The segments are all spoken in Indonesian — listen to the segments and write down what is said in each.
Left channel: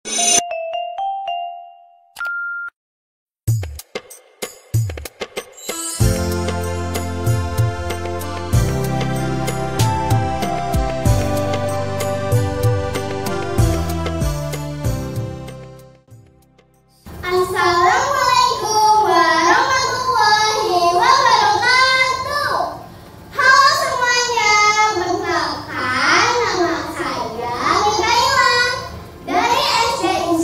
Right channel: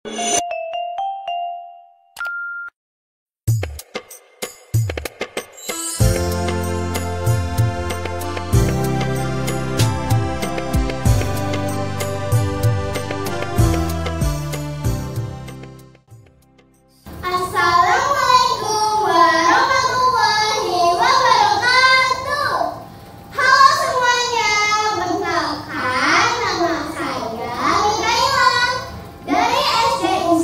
Assalamualaikum warahmatullahi wabarakatuh. Halo semuanya, perkenalkan nama saya Mikaela dari SD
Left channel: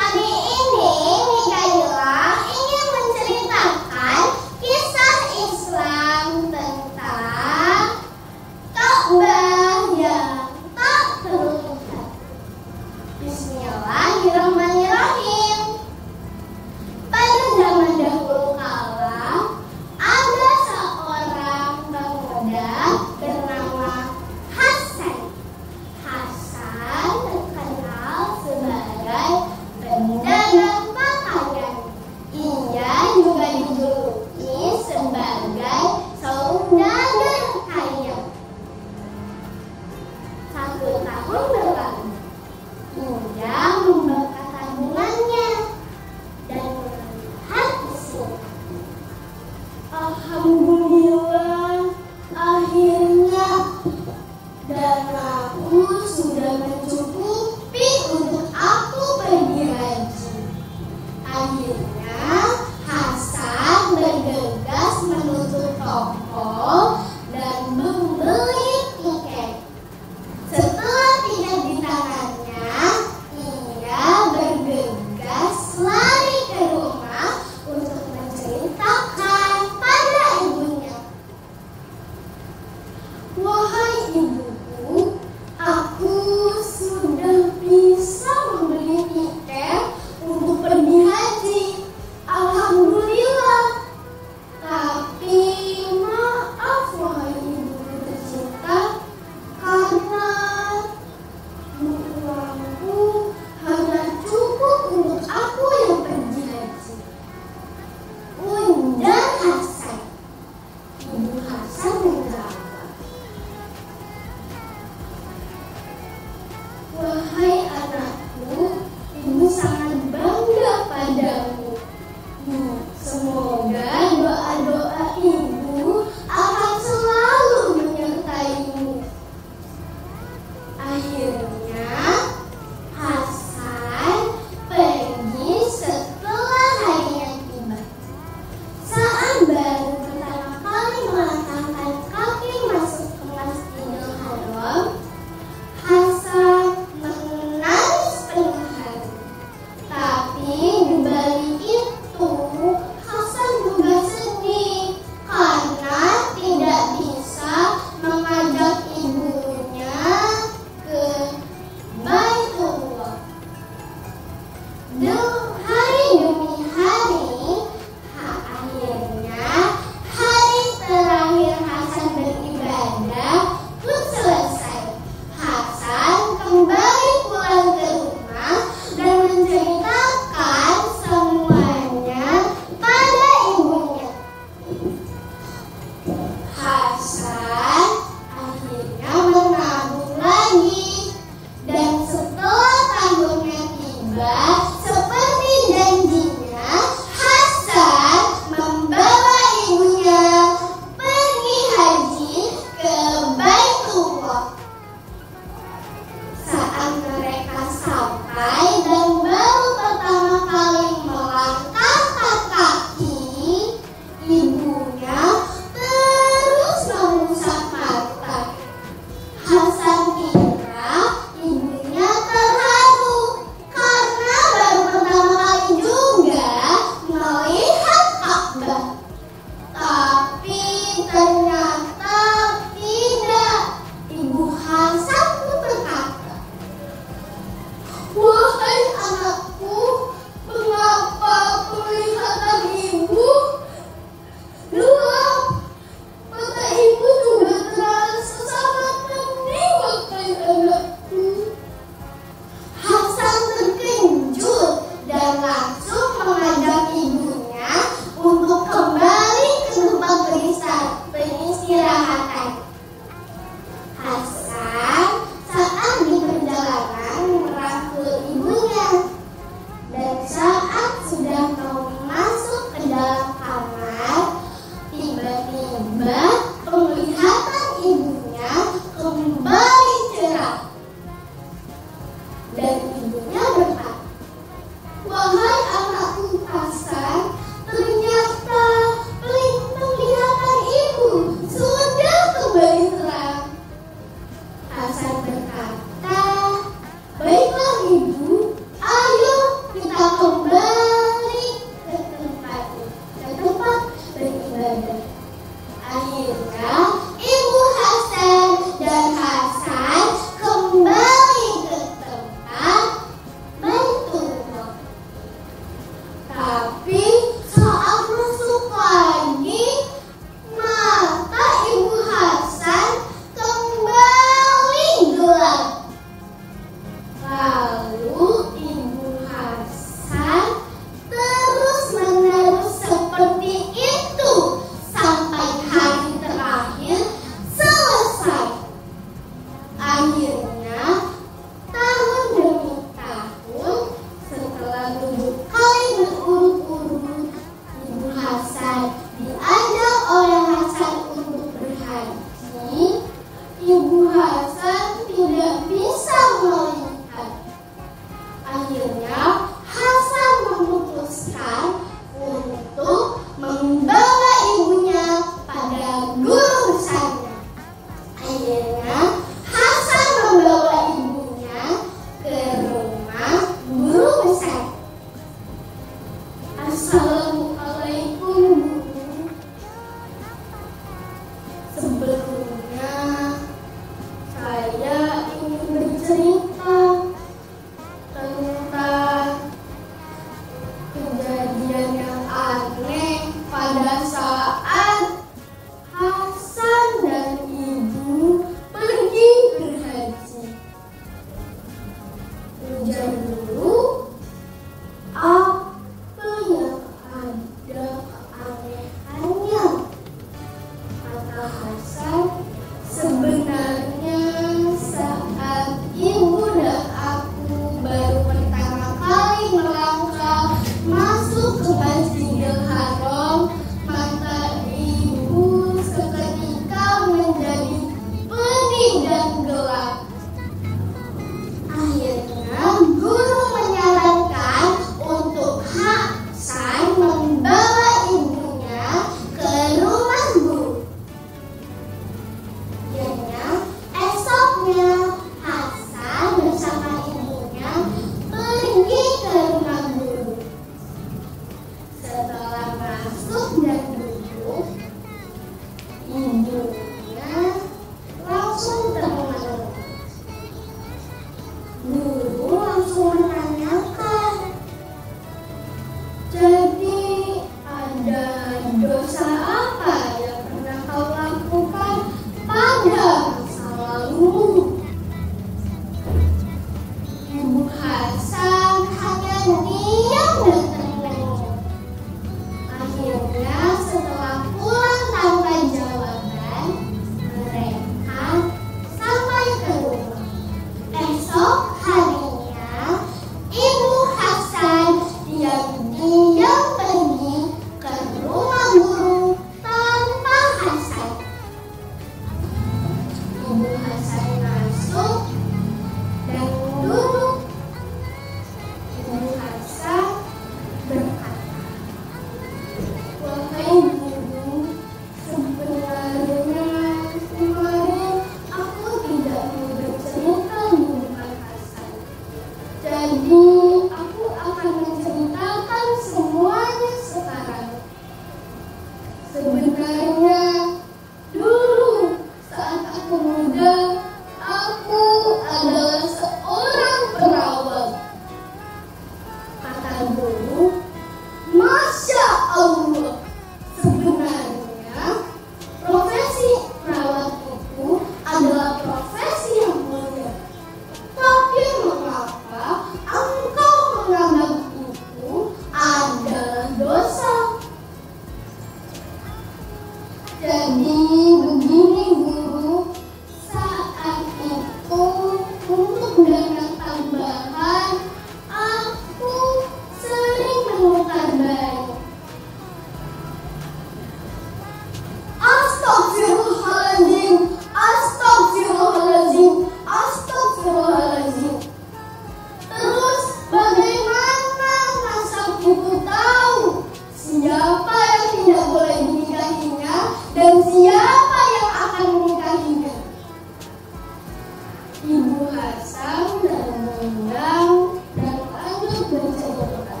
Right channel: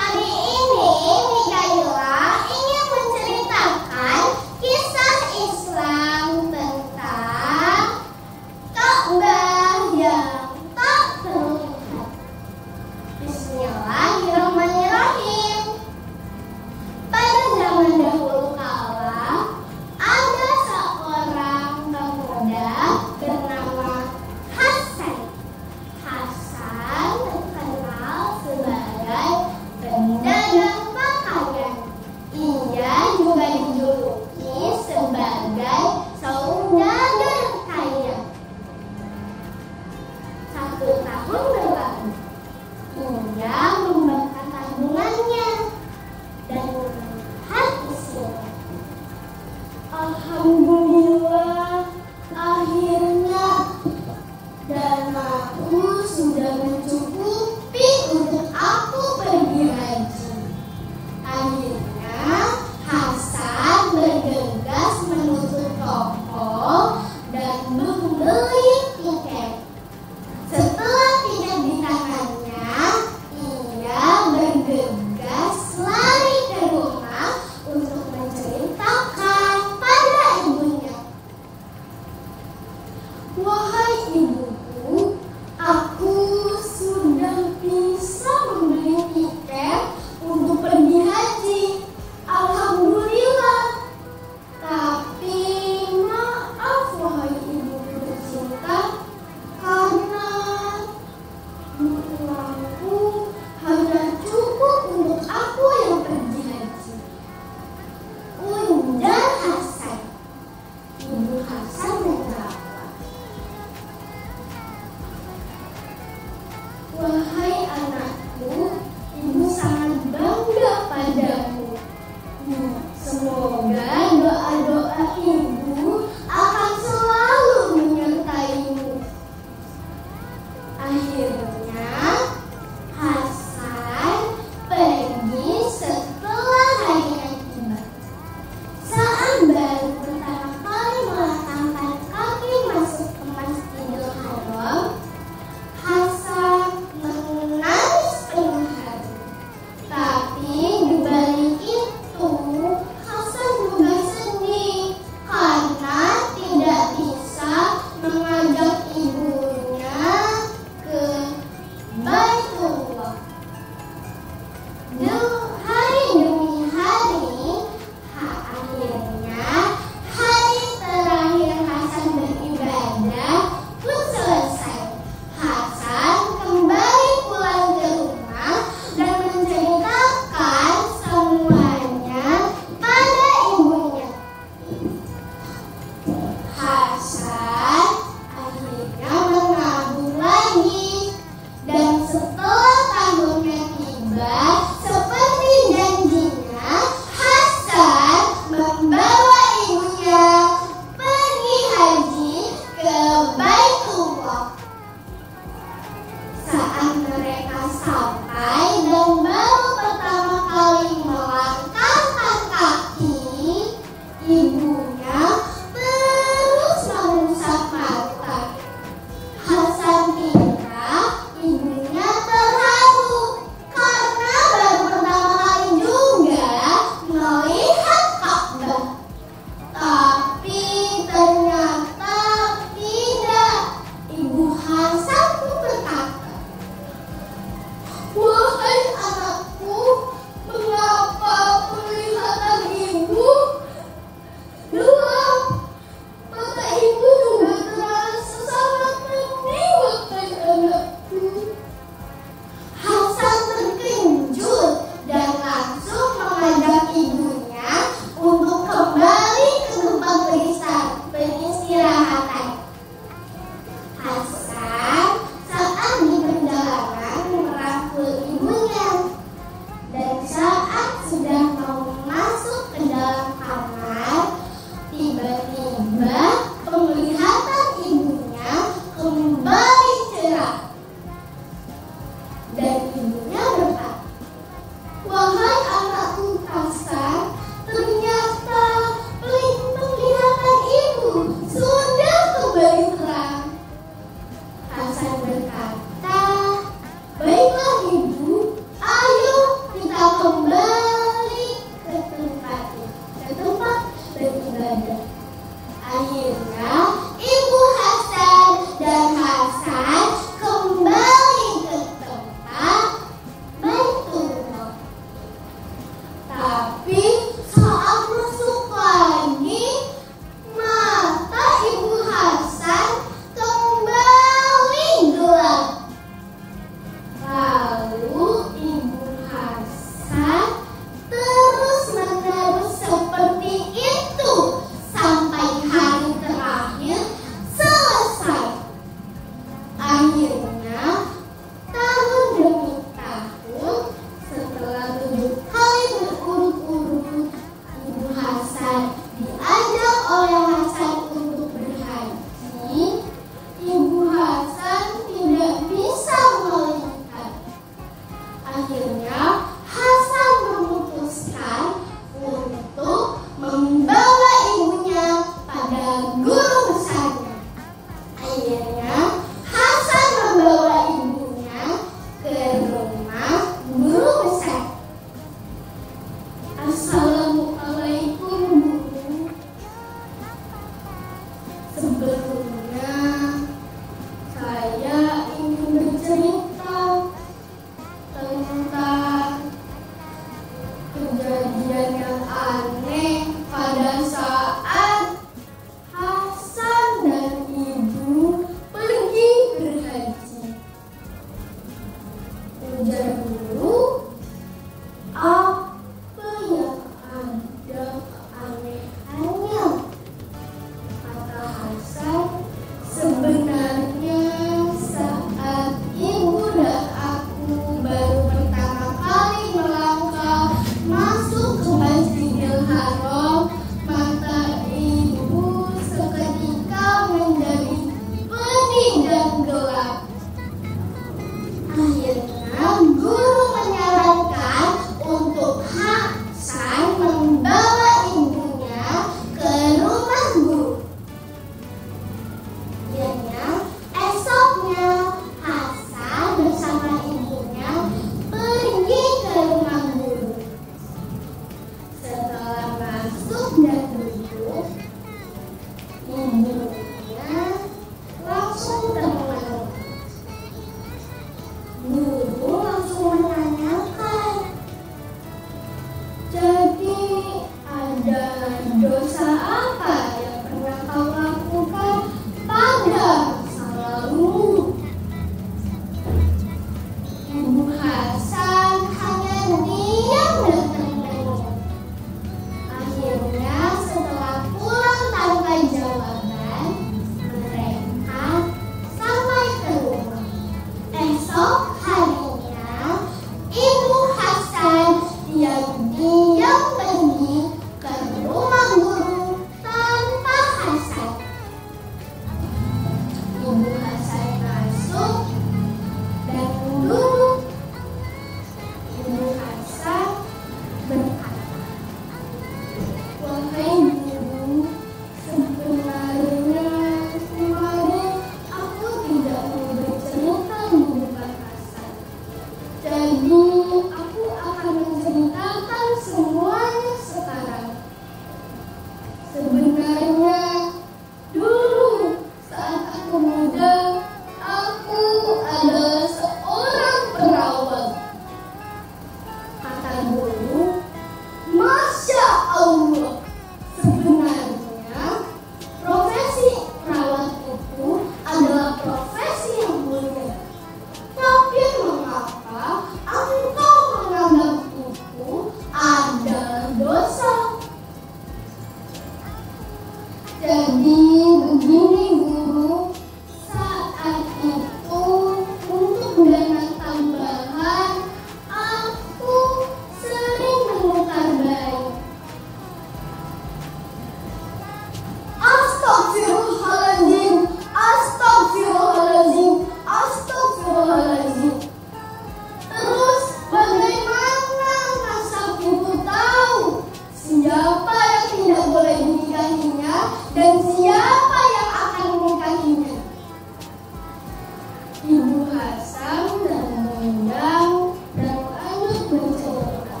Ibu Hasan termengang dan lanjut bercerita.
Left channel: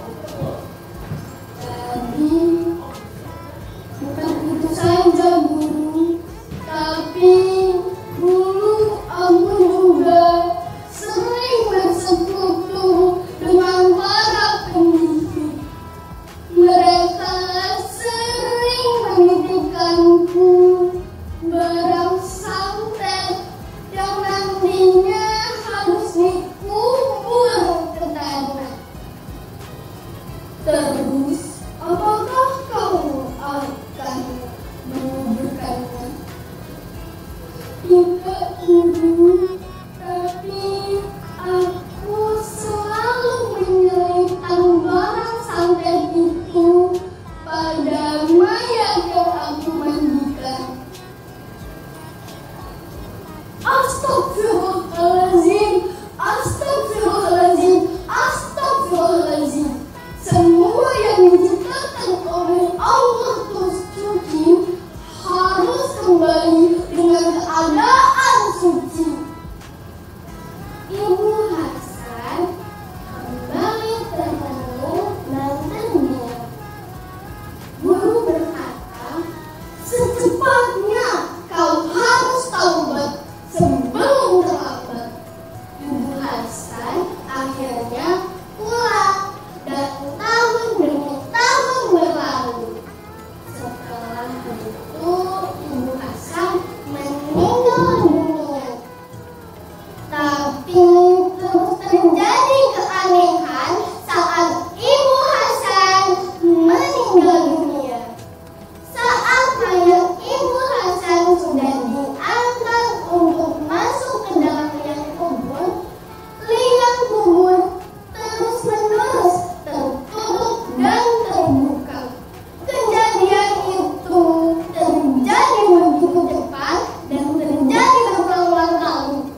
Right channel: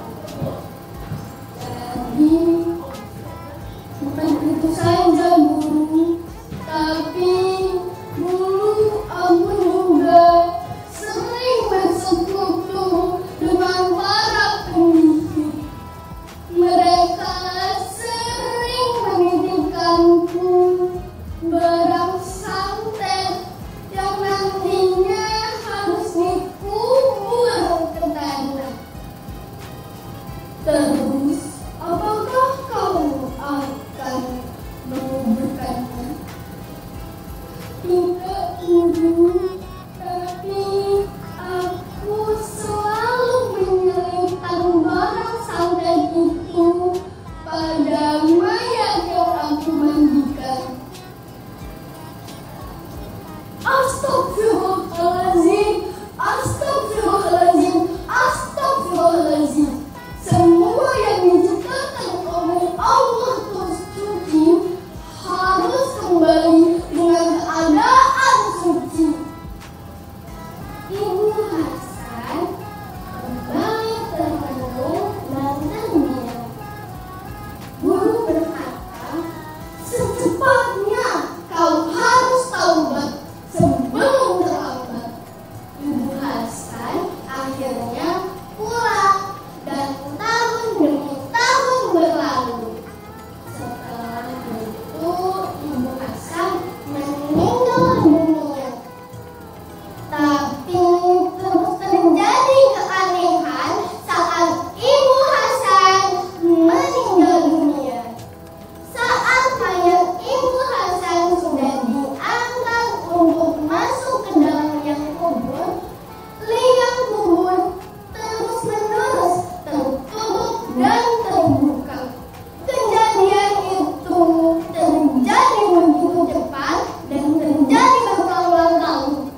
Jadi, bukan itu saja Bu, tapi dulu aku juga sering bersekutu dengan para pendidik. Mereka sering menitipkanku barang santet yang nantinya harus dikubur ke tanah. Terus, apakah kau akan menguburkannya? Tidak, Ibu, tapi aku selalu menyelipkan barang santet itu pada mayat yang aku mandikan. Astagfirullahaladzim, astagfirullahaladzim, astagfirullahaladzim. Semua yang diciptakan oleh Allah terus suci harus kembali dengan keadaan suci. Ibu Hasan kembali termenung dan terdiam. Guru berkata, secepatnya kau harus taubat sebelum terlambat. Ibu Hasan akhirnya pulang dan tahun demi tahun berlalu. Setelah itu Ibu Hasan meninggal dunia. Tapi terus terjadi keanehan saat Ibu Hasan meninggal dunia. Saat mayat Ibu Hasan sudah diangkat untuk masuk ke dalam liang kubur terus menerus tertutup dan terbuka. Kejadian itu terjadi begitu cepat dan terjadi berulang-ulang kali,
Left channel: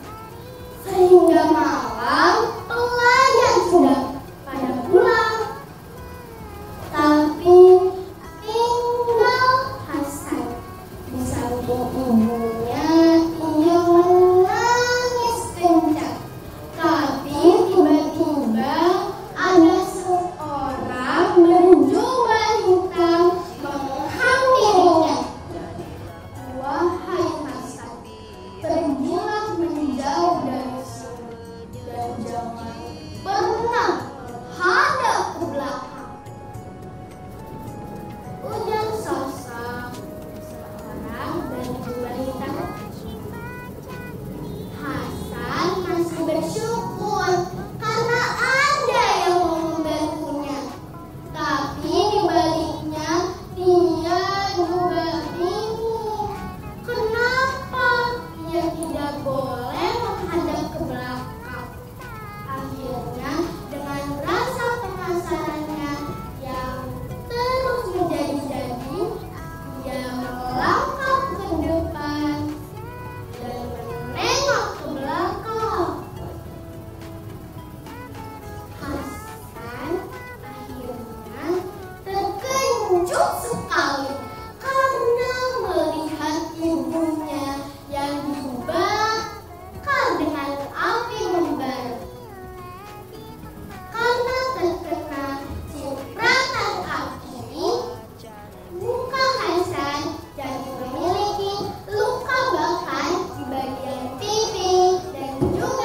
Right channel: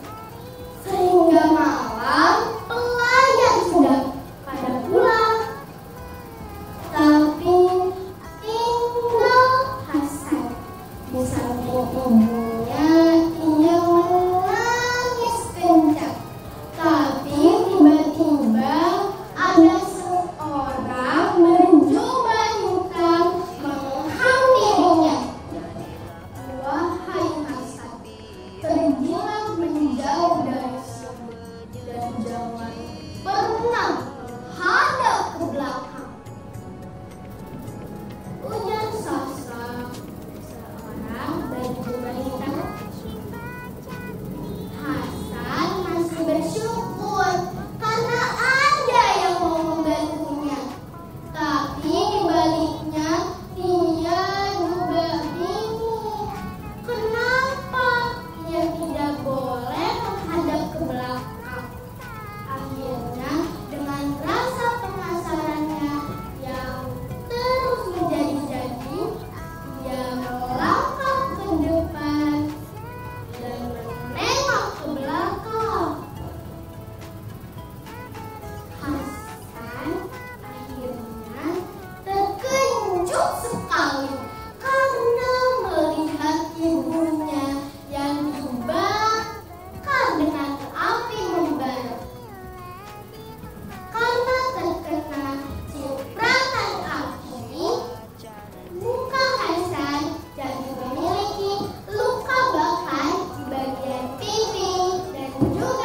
sehingga malam pelayan sudah pada pulang. Tapi tinggal Hasan di samping ibunya. Ia menangis kencang. Tapi tiba-tiba ada seorang berjubah hitam menghampirinya. Wahai Hasan, pergilah menjauh dari sini dan jangan pernah hadap ke belakang, ujar sosok seorang berjubah hitam. Hasan masih bersyukur karena ada yang mau membantunya. Tapi dibaliknya dia juga bingung. Kenapa ia tidak boleh menghadap ke belakang? Akhirnya dengan rasa penasarannya yang terus menjadi-jadi, ia melangkah ke depan dan menengok ke belakang. Hasan akhirnya terkejut sekali karena melihat ibunya yang dibakar dengan api membara. Karena terkena cipratan api, muka Hasan jadi memiliki luka bakar di bagian pipi dan juga